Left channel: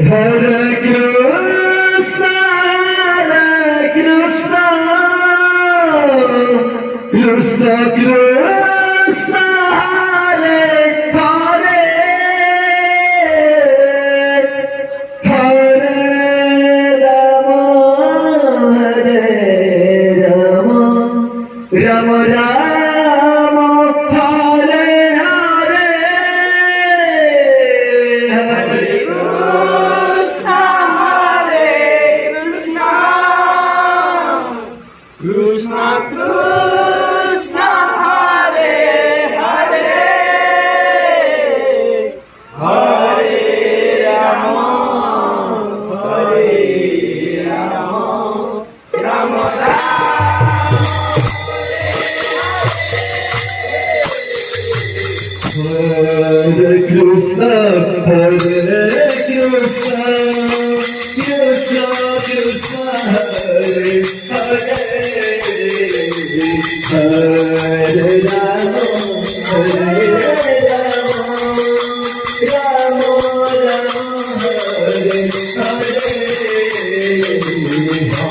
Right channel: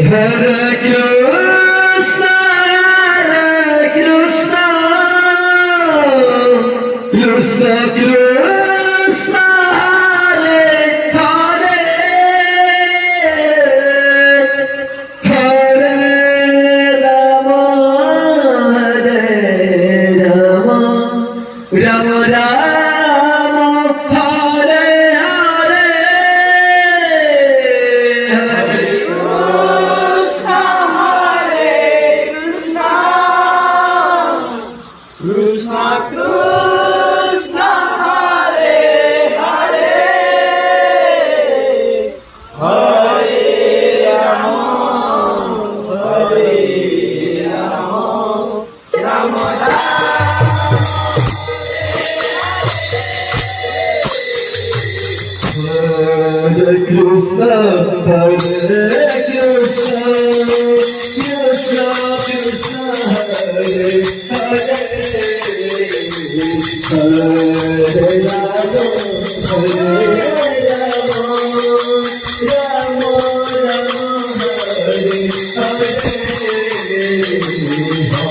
Hare Krishna, Krishna Krishna, Hare Hare, Hare Rama, Rama Rama, Hare Hare, Hare Krishna, Krishna Krishna, Hare Hare, Hare Rama, Rama Hare Krishna, Krishna Krishna, Hare Hare, Hare Rama, Rama Rama, Hare Hare Krishna,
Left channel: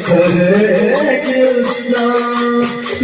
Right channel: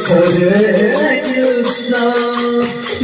Hare Krishna.